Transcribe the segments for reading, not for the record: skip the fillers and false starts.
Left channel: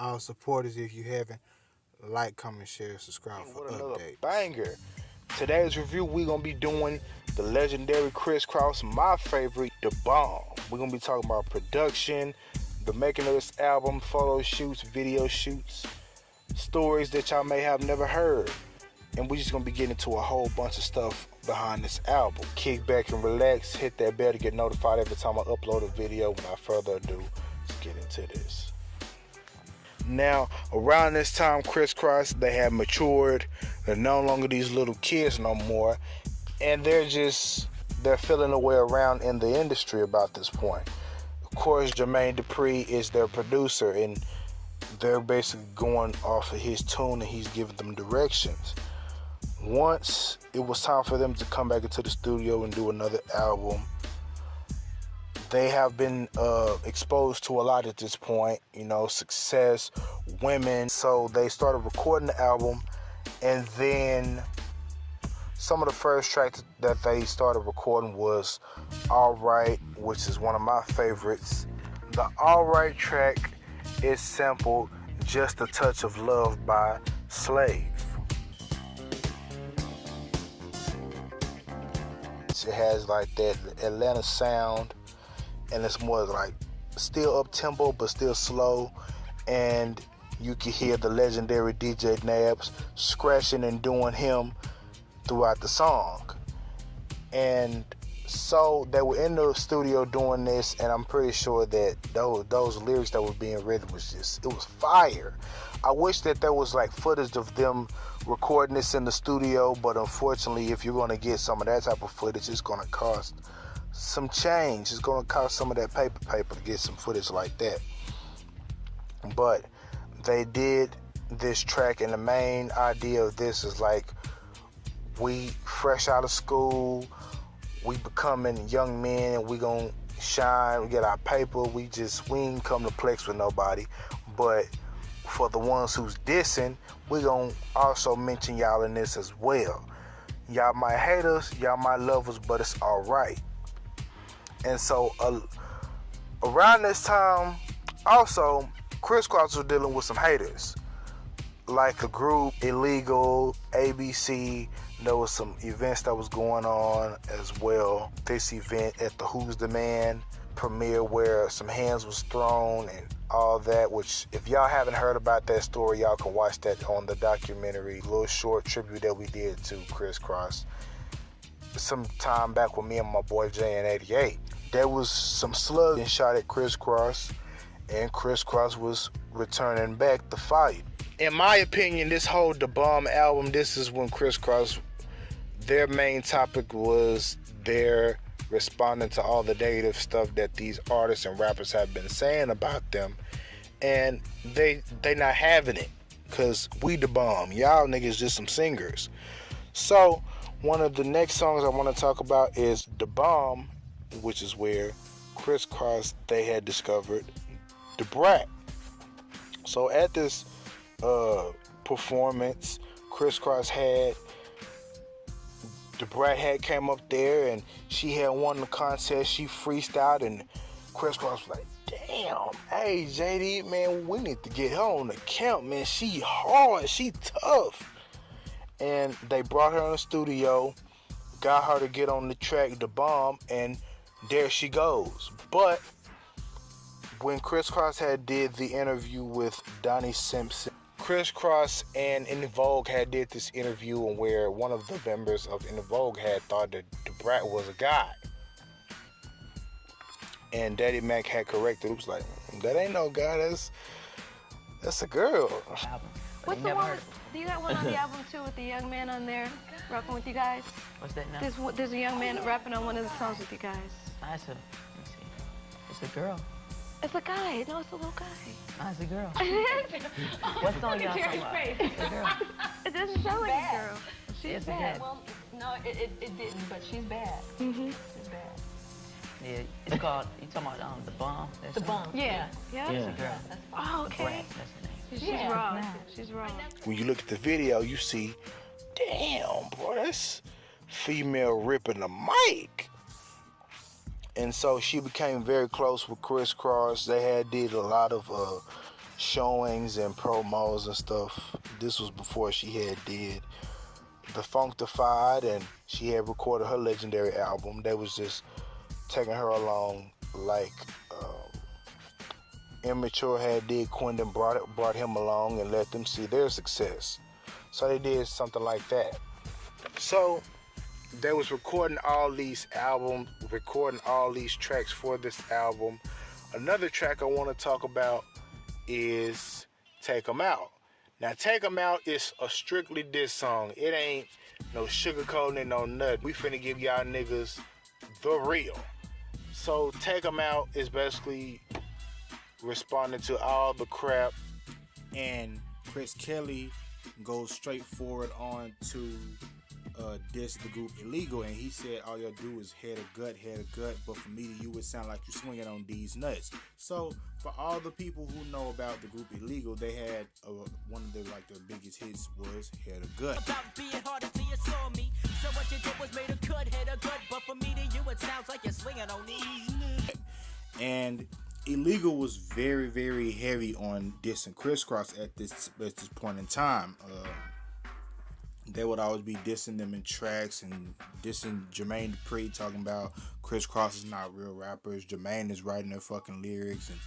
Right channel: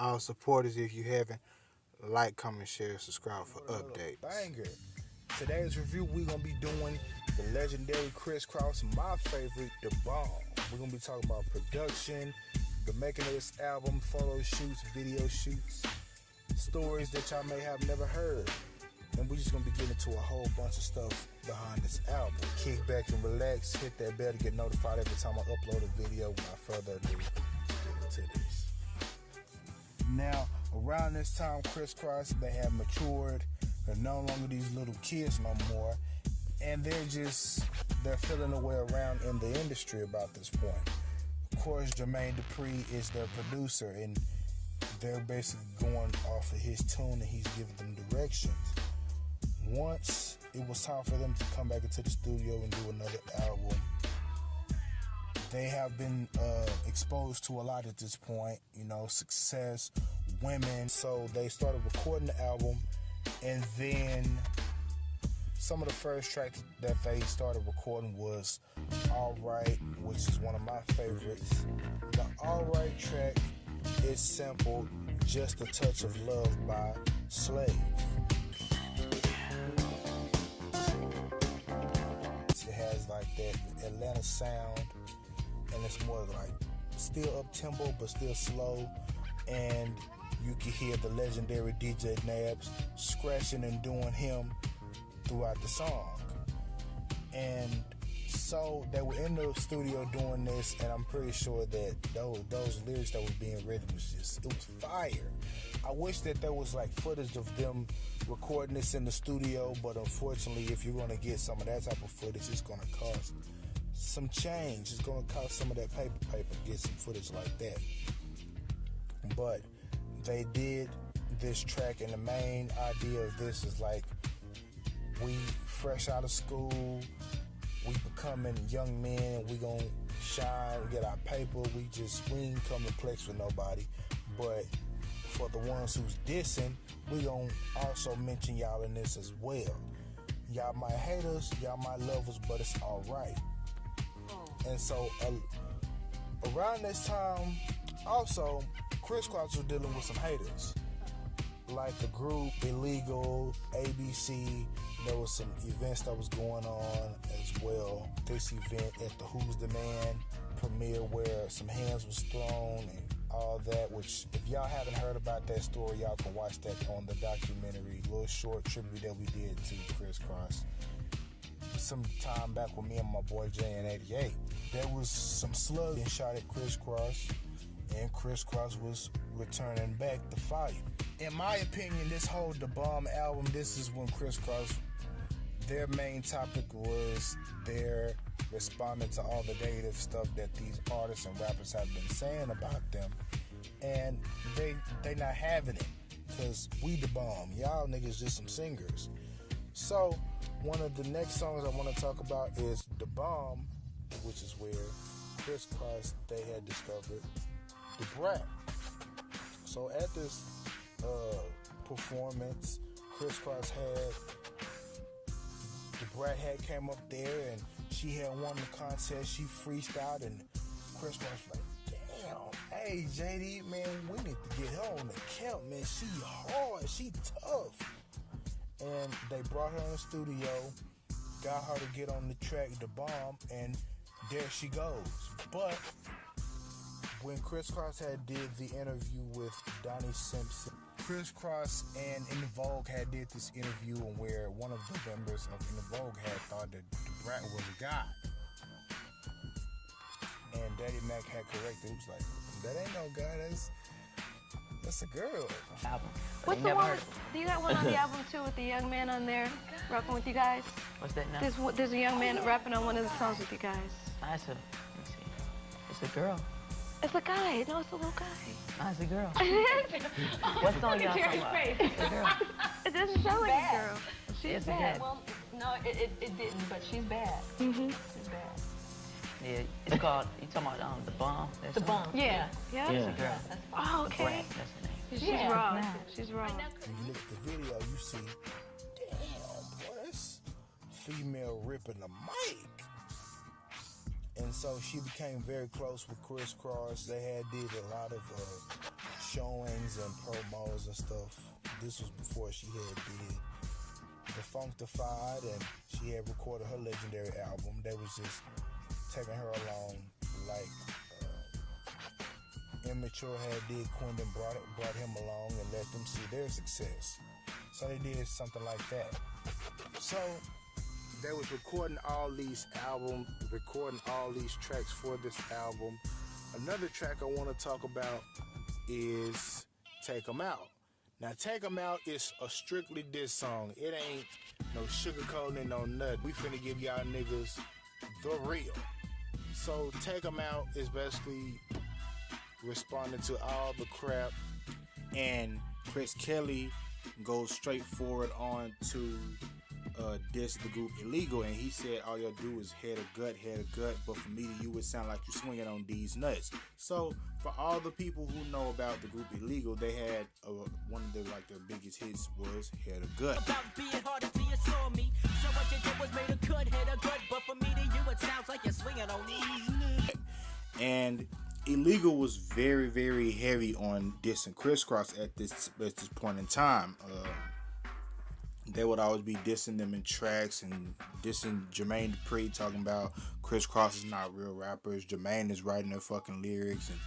all supporters. If you haven't, like, comment, share, subscribe for updates. Banger. Today's review, we're going to be doing the legendary Kris Kross, my favorite, The Bomb. We're going to be talking about production, the making of this album, photo shoots, video shoots, stories that y'all may have never heard. And we're just going to be getting into a whole bunch of stuff behind this album. Kick back and relax, hit that bell to get notified every time I upload a video. Without further ado, let's get into this. Now, around this time, Kris Kross, they have matured. They're no longer these little kids no more. And they're feeling their way around in the industry about this point. Of course, Jermaine Dupri is their producer, and they're basically going off of his tune, and he's giving them directions. Once it was time for them to come back into the studio and do another album, they have been exposed to a lot at this point, you know, success, women. So they started recording the album, and then some of the first tracks that they started recording was Alright, which is one of my favorites. The Alright track is sampled Just a Touch of Love by Slave. It has like that Atlanta sound, and it's more like still up tempo but still slow, and you can hear the legendary DJ Nabs scratching and doing him throughout the song. And so they were in the studio doing this, and I'm pretty sure that those lyrics that were being written it was fire. I wish that there was like footage of them recording this in the studio, but unfortunately, if you're going to get some of that type of footage, it's going to cost some change. It's going to cost some of that paper to get some footage like that. But they did this track, and the main idea of this is like, we fresh out of school, we becoming young men, and we gonna shine, we get our paper, we ain't come to plex with nobody. But for the ones who's dissing, we gonna also mention y'all in this as well. Y'all might hate us, y'all might love us, but it's alright. And so around this time, also, Kris Kross was dealing with some haters, like a group, Illegal, ABC. There was some events that was going on as well. This event at the Who's the Man premiere, where some hands was thrown and all that, which if y'all haven't heard about that story, y'all can watch that on the documentary, little short tribute that we did to Kris Kross some time back with me and my boy Jayin 88. There was some slugs shot at Kris Kross, and Kris Kross was returning back the fight. In my opinion, this whole The Bomb album, this is when Kris Kross, their main topic was their responding to all the negative stuff that these artists and rappers have been saying about them, and they not having it, because we the bomb, y'all niggas just some singers. So one of the next songs I want to talk about is The Bomb, which is where Kris Kross, they had discovered the Brat. So at this performance, Kris Kross had the Brat had came up there, and she had won the contest. She freestyled, and Kris Kross was like, damn, hey JD, man, we need to get her on the count, man. She hard, she tough. And they brought her in the studio, got her to get on the track, The Bomb, and there she goes. But when Kris Kross had did the interview with Donnie Simpson, Kris Kross and In Vogue had did this interview where one of the members of In Vogue had thought that the Brat was a guy, and Daddy Mac had corrected. It was like, that ain't no guy, that's a girl. Album. What's the one? Do you got one on the album too with the young man on there rapping with you guys? What's that now? There's a young man rapping on one of the songs with you guys. Let me see. It's a girl. It's a guy. No, it's a little guy. It's a girl. What song y'all talking about? It's a girl. It doesn't sound like a girl. She's bad. Well, no, it didn't, but she's bad. Mm-hmm. She's bad. Yeah, it's called, you talking about The Bomb? That's The Bomb. Yeah. Yeah. It's a girl. Oh, okay. That's the name. She's raw. She's raw. When you look at the video, you see, damn, bro, that's female ripping the mic. And so she became very close with Kris Kross. They had did a lot of showings and promos and stuff. This was before she had did The Functified, and she had recorded her legendary album. They was just taking her along like Immature had did. Quentin brought him along and let them see their success. So they did something like that. So they was recording all these albums, recording all these tracks for this album. Another track I want to talk about is Take 'Em Out. Now, Take 'Em Out is a strictly diss song. It ain't no sugarcoating and no nothing. We finna give y'all niggas the real. So Take 'Em Out is basically responding to all the crap, And Chris Kelly goes straight forward on to diss the group Illegal, and he said all y'all do is head a gut, but for me to you it sound like you swinging on these nuts. So for all the people who know about the group Illegal, they had one of their biggest hits was Head a Gut. About being hard until you saw me. So what you did was made a good head a gut, but for me to you it sounds like you're swinging on these nuts. And Illegal was very, very heavy on dissing Kris Kross at this point in time. They would always be dissing them in tracks and dissing Jermaine Dupri, talking about Kris Kross is not real rappers. Jermaine is writing their fucking lyrics, and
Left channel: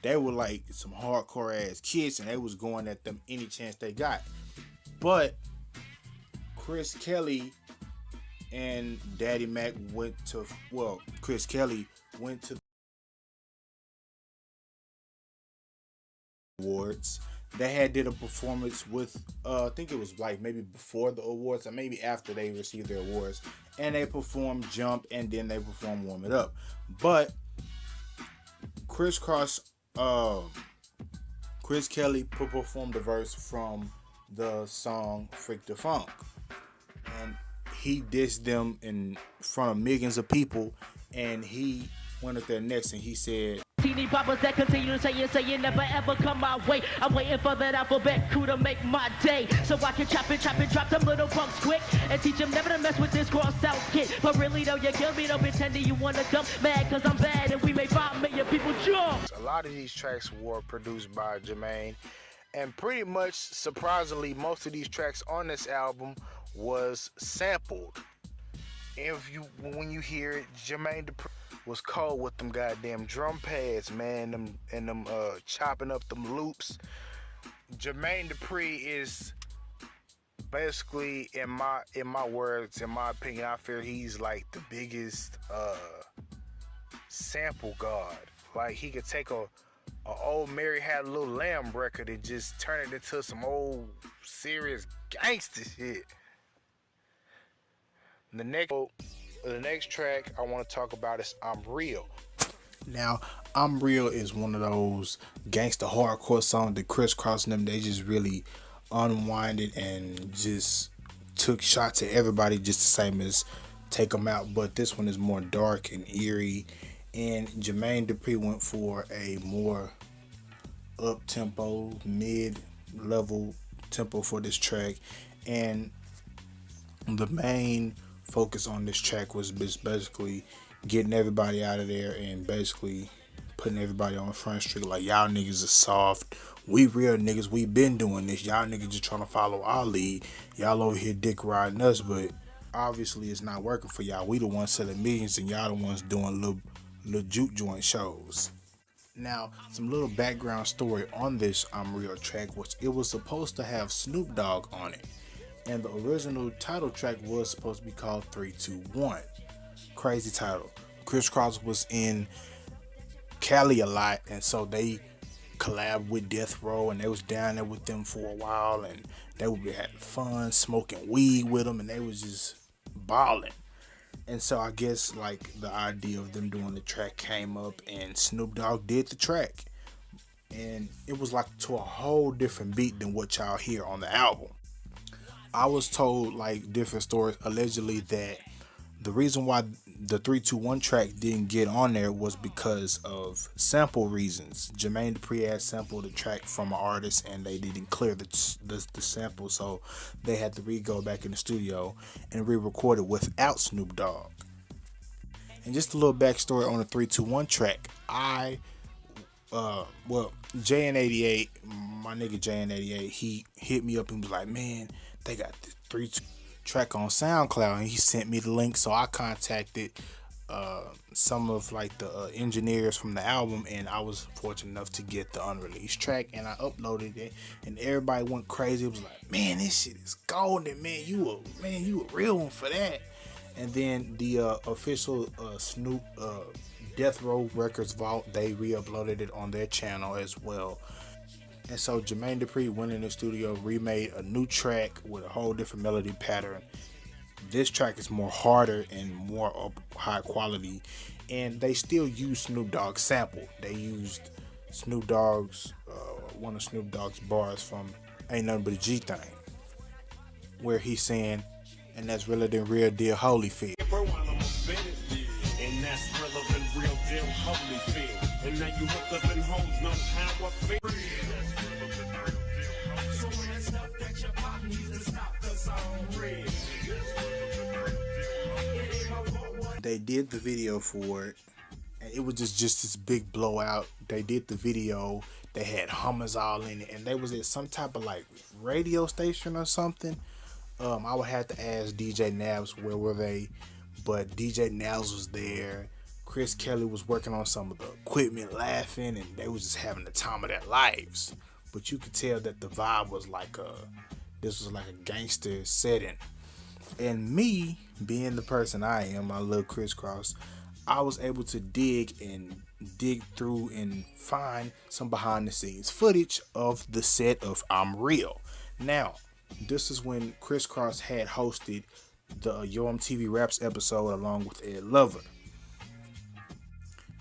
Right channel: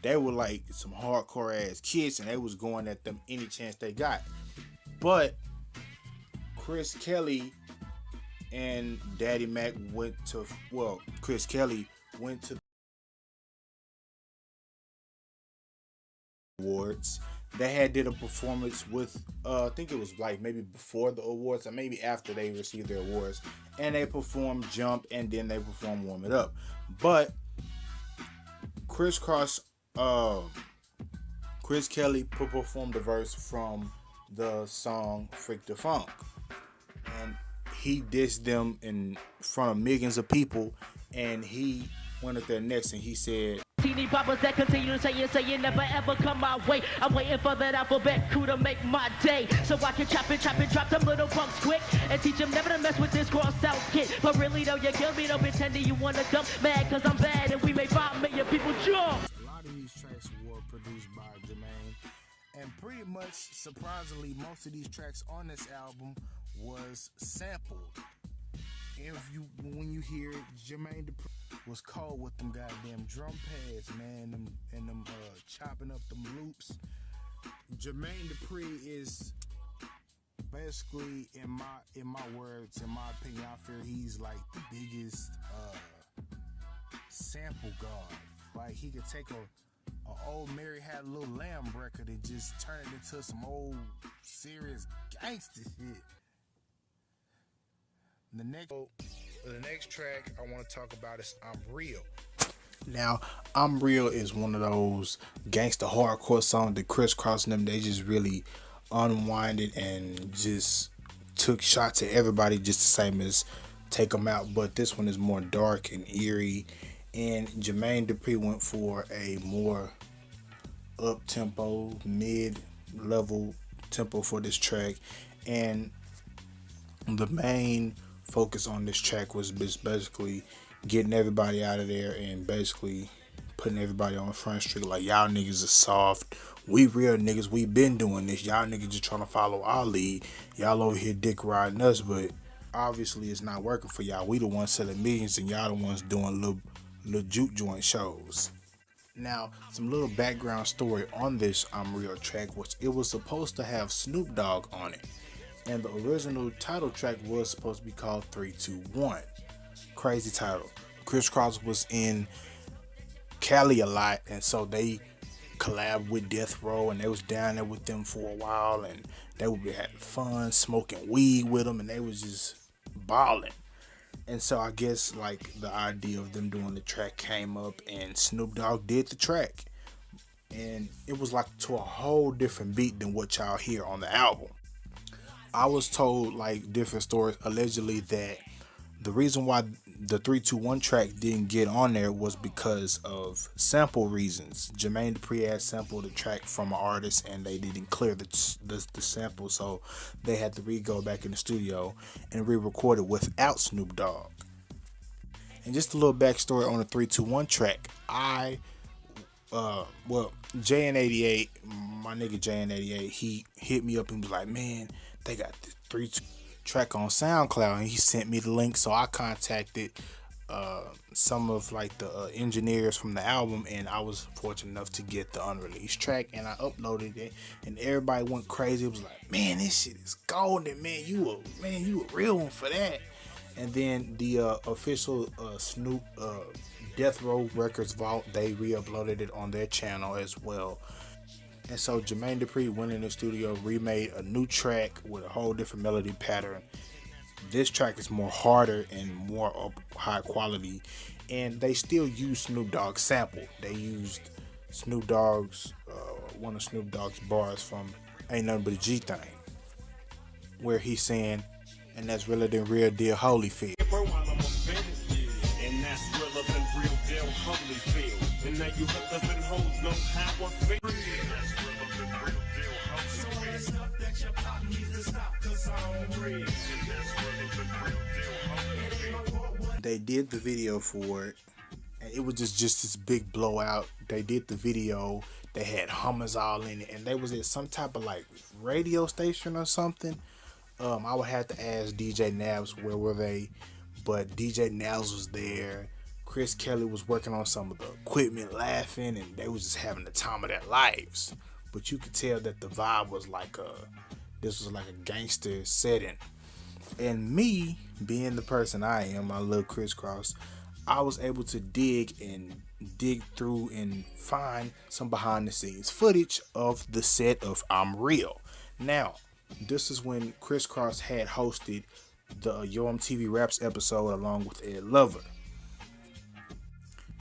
they were like some hardcore ass kids, and they was going at them any chance they got. But Chris Kelly and Daddy Mac Chris Kelly went to awards. They had did a performance with I think it was like maybe before the awards or maybe after they received their awards, and they performed Jump and then they performed Warm It Up. But Kris Kross, Chris Kelly performed a verse from the song Freak the Funk, and he dissed them in front of millions of people, and he went up there next and he said, Teeny boppers that continue to say you never ever come my way. I'm waiting for that alphabet crew to make my day, so I can chop and drop them little punks quick and teach them never to mess with this cross out kid. But really though, you kill me, don't pretend that you wanna dump mad cause I'm bad and we made 5 million people jump. a lot of these tracks were produced by Jermaine, and pretty much surprisingly most of these tracks on this album was sampled. When you hear it, Jermaine was cold with them goddamn drum pads, man, them chopping up them loops. Jermaine Dupri is basically, in my words, in my opinion, I feel he's like the biggest sample god. Like he could take a old Mary Had a Little Lamb record and just turn it into some old serious gangster shit. The next track I want to talk about is I'm Real. Now, I'm Real is one of those gangster hardcore songs that Kris Kross and them, they just really unwinded and just took shots at everybody just the same as Take 'Em Out. But this one is more dark and eerie, and Jermaine Dupri went for a more up-tempo, mid-level tempo for this track, and the main focus on this track was basically getting everybody out of there and basically putting everybody on Front Street like, y'all niggas are soft, we real niggas, we been doing this, y'all niggas just trying to follow our lead, y'all over here dick riding us, but obviously it's not working for y'all. We the ones selling millions and y'all the ones doing little juke joint shows. Now, some little background story on this I'm Real track was it was supposed to have Snoop Dogg on it, and the original title track was supposed to be called 3-2-1. Crazy title. Kris Kross was in Cali a lot, and so they collabed with Death Row, and they was down there with them for a while, and they would be having fun, smoking weed with them, and they was just balling. And so I guess like the idea of them doing the track came up, and Snoop Dogg did the track, and it was like to a whole different beat than what y'all hear on the album. I was told like different stories allegedly that the reason why the 3-2-1 track didn't get on there was because of sample reasons. Jermaine Dupri had sampled the track from an artist and they didn't clear the sample, so they had to go back in the studio and re-record it without Snoop Dogg. And just a little backstory on the 3-2-1 track. I well, Jayin88, my nigga Jayin88, he hit me up and was like, man, they got this 3-track on SoundCloud, and he sent me the link. So I contacted some of like the engineers from the album, and I was fortunate enough to get the unreleased track, and I uploaded it, and everybody went crazy. It was like, man, this shit is golden, man. You a real one for that. And then the official Snoop Death Row Records vault, they re-uploaded it on their channel as well. And so Jermaine Dupri went in the studio, remade a new track with a whole different melody pattern. This track is more harder and more of high quality, and they still use Snoop Dogg's sample. They used Snoop Dogg's one of Snoop Dogg's bars from Ain't Nothing But a G Thing, where he's saying, and that's realer than real deal Holyfield. They did the video for it, and it was just this big blowout. They did the video, they had hummers all in it, and they was at some type of like radio station or something. I would have to ask DJ Nabs where were they, but DJ Nabs was there. Chris Kelly was working on some of the equipment, laughing, and they was just having the time of their lives. But you could tell that the vibe was like this was like a gangster setting. And me, being the person I am, my little Kris Kross, I was able to dig through and find some behind the scenes footage of the set of I'm Real. Now, this is when Kris Kross had hosted the Yo MTV Raps episode along with Ed Lover.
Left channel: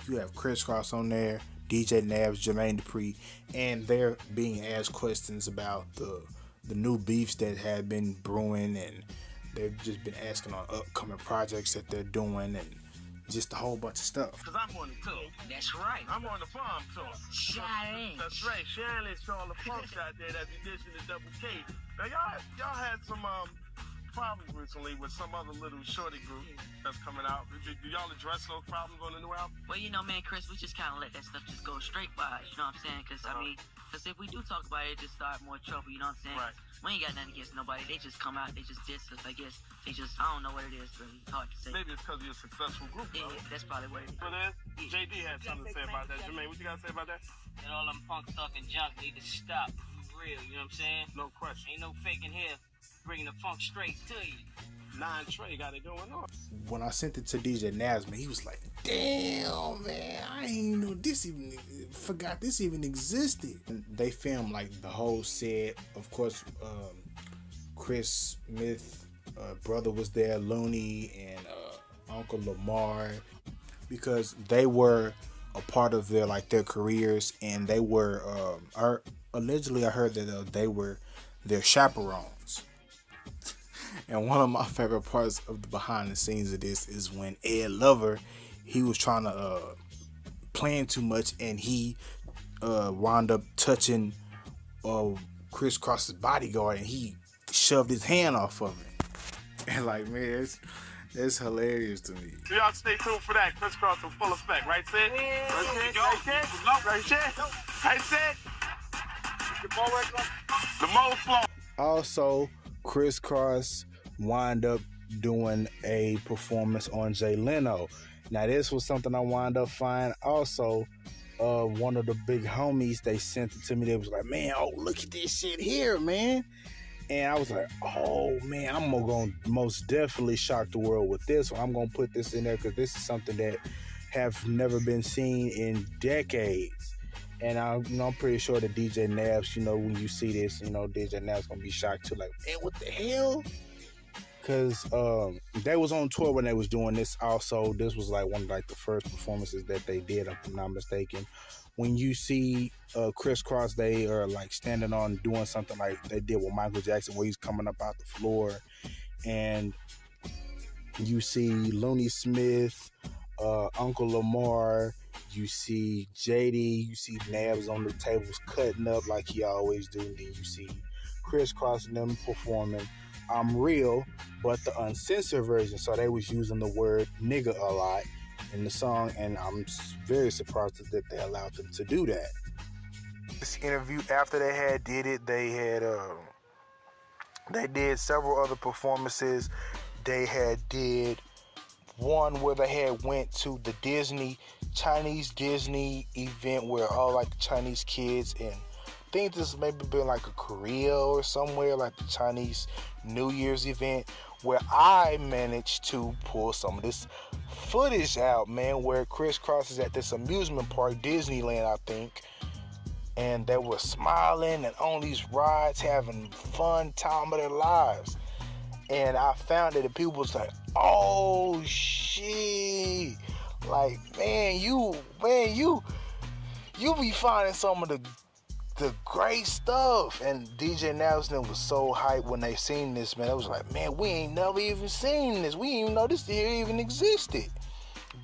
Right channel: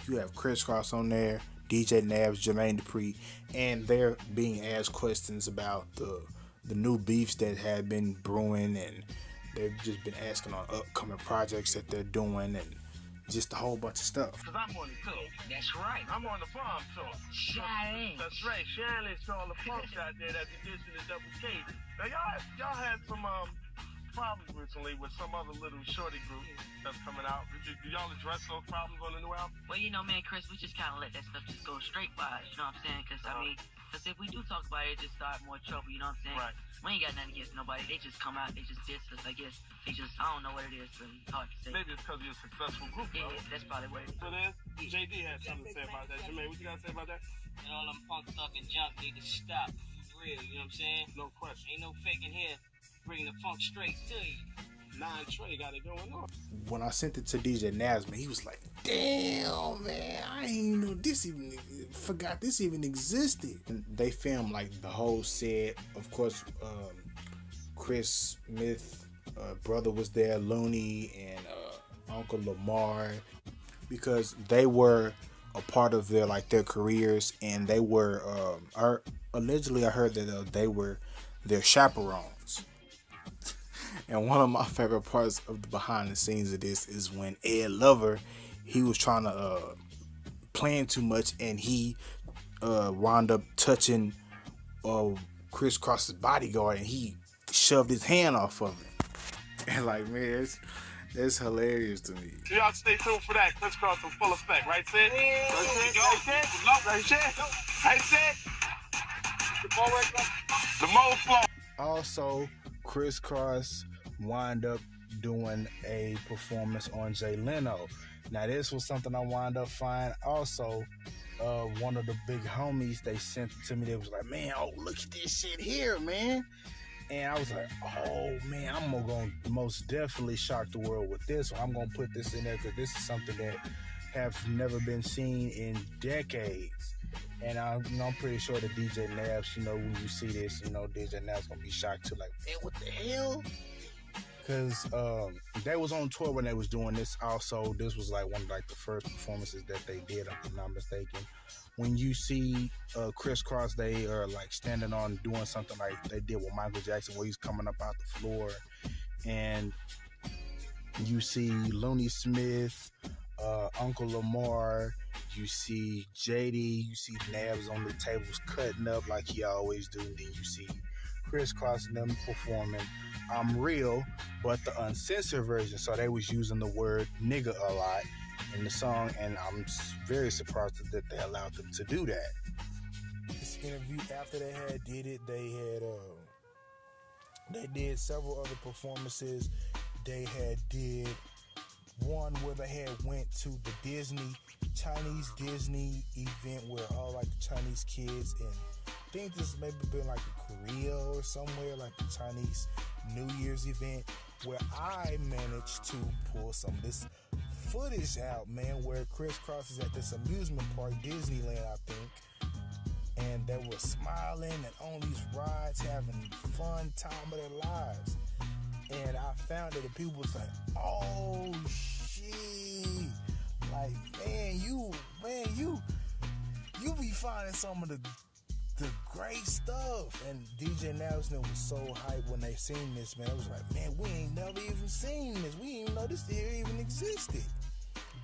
You have Kris Kross on there, DJ Nabs, Jermaine Dupri, and they're being asked questions about the new beefs that had been brewing, and they've just been asking on upcoming projects that they're doing, and just a whole bunch of stuff. Cause I'm on the tour. That's right. I'm on the farm tour. Jayin. That's right. Jayin is all the punks out there that be dissing the Double K. Now y'all had some problems recently with some other little shorty group that's coming out. Do y'all address those problems on the new album? Well, you know, man, Chris, we just kind of let that stuff just go straight by us, you know what I'm saying? Because, because if we do talk about it, it just start more trouble, you know what I'm saying? Right. We ain't got nothing against nobody. They just come out, they just diss us, I guess. They just, I don't know what it is, really. It's hard to say. Maybe it's because you're a successful group, Yeah, bro. that's probably what it is. So then, JD had something to say about that. Jermaine, what you got to say about that? And all them punk talking junk need to stop. For real, you know what I'm saying? No question. Ain't no faking here. Bringing the funk straight to you. 9 Trey got it going on. When I sent it to DJ Nasman, he was like, damn, man, I ain't know this even, forgot this even existed. And they filmed like the whole set. Of course, Chris Smith, brother was there, Looney, and Uncle Lamar, because they were a part of their careers, and they were, allegedly I heard that they were their chaperones. And one of my favorite parts of the behind the scenes of this is when Ed Lover, he was trying to plan too much, and he wound up touching Kris Kross's bodyguard, and he shoved his hand off of it. And like, man, that's hilarious to me. So y'all stay tuned for that. Kris Kross in full effect, right, Sid? Right, Sid? The Mo flow. Also, Kris Kross wind up doing a performance on Jay Leno. Now, this was something I wound up finding. Also, one of the big homies, they sent it to me. They was like, man, oh, look at this shit here, man. And I was like, oh, man, I'm going to most definitely shock the world with this one. I'm going to put this in there because this is something that have never been seen in decades. And I'm pretty sure that DJ Nabs, when you see this, DJ Nabs going to be shocked too. Like, man, what the hell? Because they was on tour when they was doing this. Also, this was like one of the first performances that they did, if I'm not mistaken. When you see Kris Kross, they are like standing on doing something like they did with Michael Jackson, where he's coming up out the floor, and you see Looney Smith, Uncle Lamar, you see JD, you see Nabs on the tables cutting up like he always do. Then you see Kris Kross and them performing I'm Real, but the uncensored version. So they was using the word nigga a lot. in the song, and I'm very surprised that they allowed them to do that. This interview, after they had did it, they did several other performances. They had did one where they had went to the Chinese Disney event where all like the Chinese kids, and I think this maybe been like a Korea or somewhere, like the Chinese New Year's event, where I managed to pull some of this footage out, man, where Kris Kross is at this amusement park, Disneyland, I think, and they were smiling and on these rides, having fun time of their lives. And I found it, and people was like, "Oh shit!" Like, man, you be finding some of the great stuff. And DJ Nelson was so hyped when they seen this, man. It was like, man, we ain't never even seen this. We didn't even know this here even existed.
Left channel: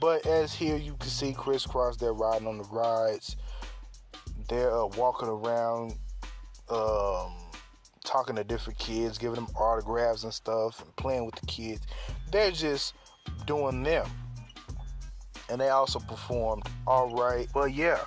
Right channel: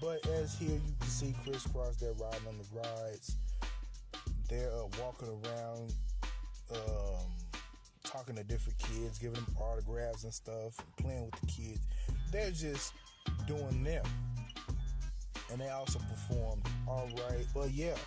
But as here you can see Kris Kross, they're riding on the rides. They're walking around, talking to different kids, giving them autographs and stuff, and playing with the kids. They're just doing them. And they also performed all right. But yeah,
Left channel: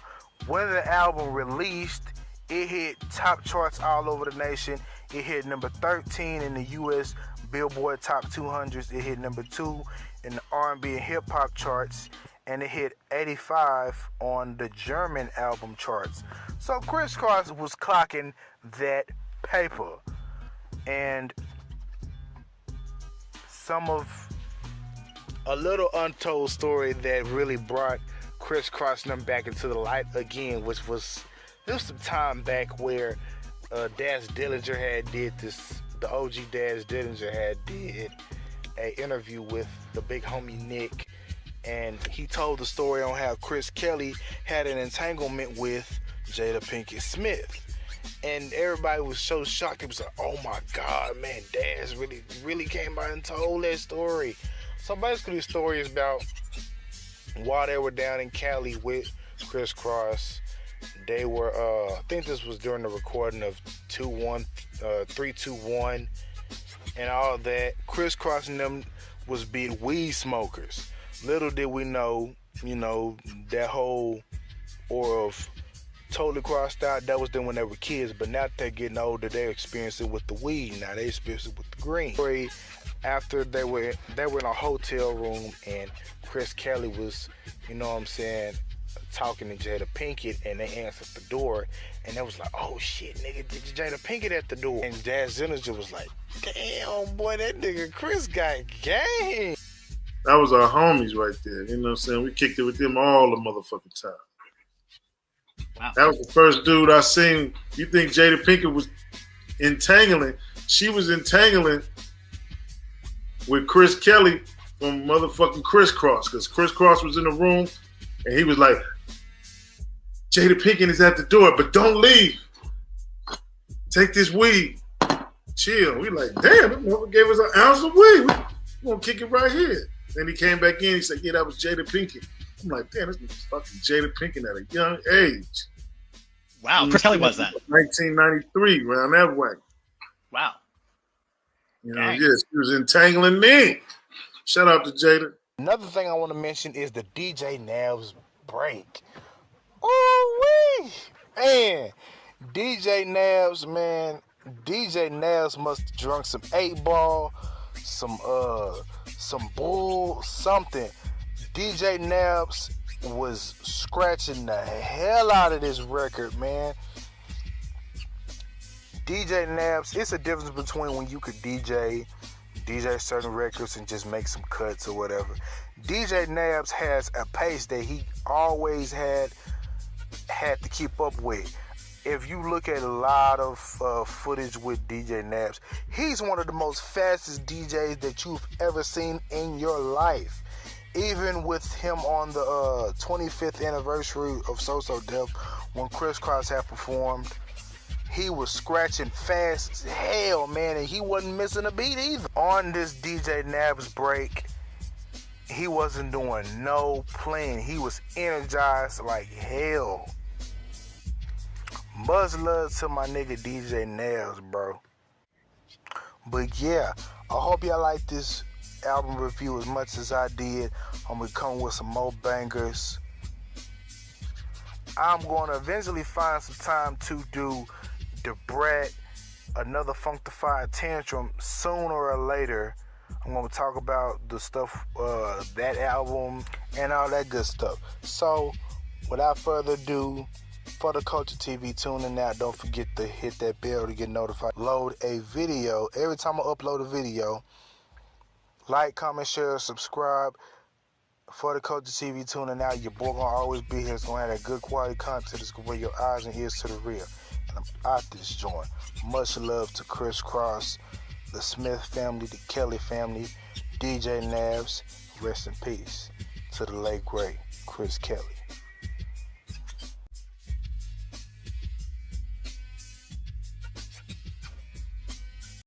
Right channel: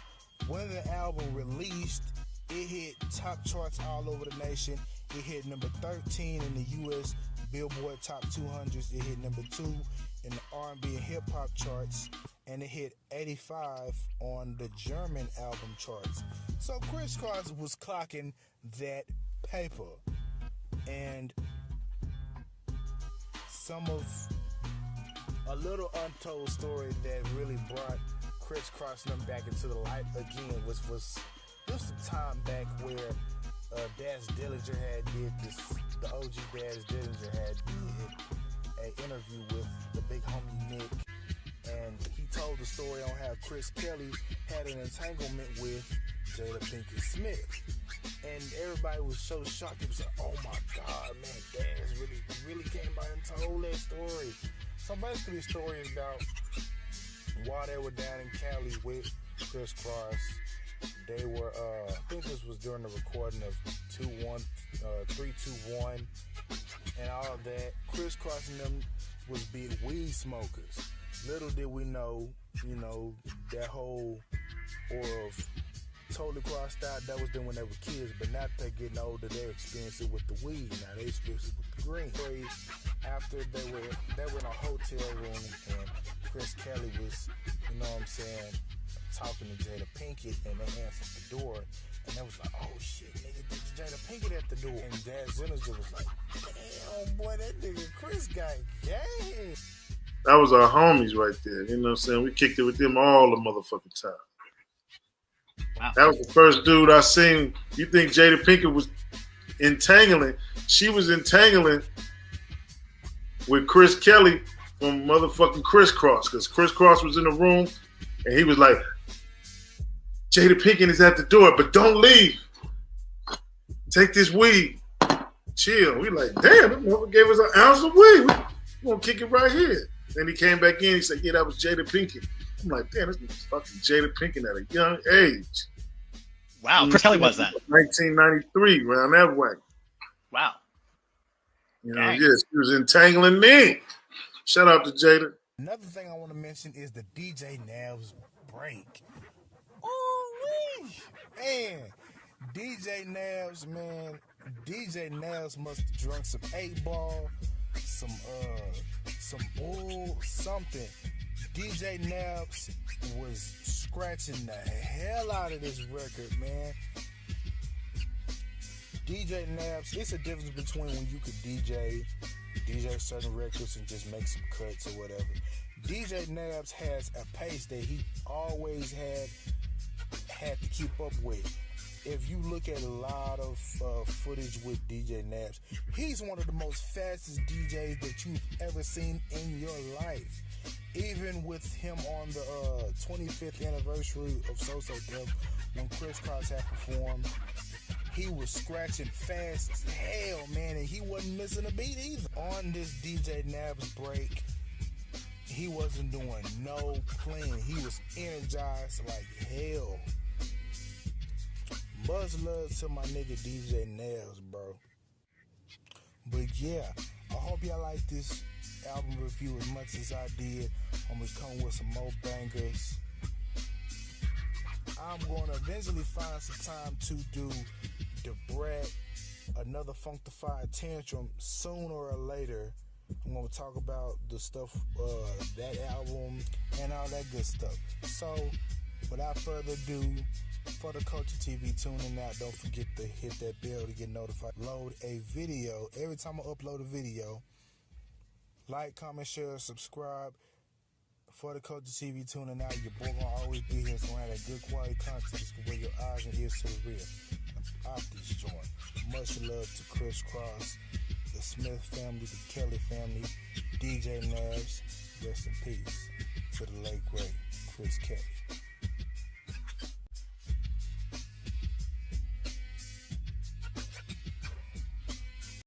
when the album released, it hit top charts all over the nation. It hit number 13 in the U.S. Billboard Top 200s. It hit number 2 in the R&B and hip hop charts, and it hit 85 on the German album charts. So Kris Kross was clocking that paper. And some of a little untold story that really brought Kris Kross and them back into the light again, which was some time back where Daz Dillinger had did this. The OG Daz Dillinger had did an interview with the big homie Nick, and he told the story on how Chris Kelly had an entanglement with Jada Pinckett Smith. And everybody was so shocked. It was like, oh my God, man, Daz really came out and told that story. So basically the story is about while they were down in Cali with Kris Kross, they were, I think this was during the recording of 321 and all that. Kris Kross and them was big weed smokers. Little did we know, that whole aura of totally crossed out, that was them when they were kids, but now that they're getting older, they experience it with the weed. Now they experience it with the green. After they were in a hotel room, and Chris Kelly was, talking to Jada Pinckett, and they answered the door, and they was like, oh shit, nigga, Jada Pinckett at the door. And Daz Dillinger was like, damn, boy, that nigga Chris got game. That was our homies right there. You know what I'm saying? We kicked it with them all the motherfucking time. Wow. That was the first dude I seen. You think Jada Pinckett was entangling? She was entangling with Chris Kelly from motherfucking Kris Kross, because Kris Kross was in the room and he was like, Jada Pinckett is at the door, but don't leave. Take this weed. Chill. We like, damn, that motherfucker gave us an ounce of weed. We gonna kick it right here. Then he came back in, he said, yeah, that was Jada Pinckett. I'm like, damn, this is fucking Jada Pinckett at a young age. Wow, Chris Kelly was that? 1993, around that way. Wow. Yes, she was entangling me. Shout out to Jada. Another thing I want to mention is the DJ Navs break. Ooh-wee! Man, DJ Navs must have drunk some 8-ball, some bull, something. DJ Navs was scratching the hell out of this record, man. DJ Navs, it's a difference between when you could DJ certain records and just make some cuts or whatever. DJ Navs has a pace that he always had to keep up with. If you look at a lot of footage with DJ Navs, he's one of the most fastest DJs that you've ever seen in your life. Even with him on the 25th anniversary of So So Def, when Kris Kross had performed, he was scratching fast as hell, man, and he wasn't missing a beat either. On this DJ Navs break, he wasn't doing no playing. He was energized like hell. Much love to my nigga DJ Navs, bro. But yeah, I hope y'all like this album review as much as I did. I'm going to come with some more bangers. I'm going to eventually find some time to do the Brat, another Funkified Tantrum sooner or later. I'm going to talk about the stuff, that album, and all that good stuff. So, without further ado, for the Culture TV tuning out, don't forget to hit that bell to get notified. Load a video. Every time I upload a video, like, comment, share, subscribe. For the Culture TV tuning out, your boy gonna always be here. It's gonna have that good quality content. It's gonna bring your eyes and ears to the rear. And I'm out this joint. Much love to Kris Kross, the Smith family, the Kelly family, DJ Nabs. Rest in peace to the late great Chris Kelly.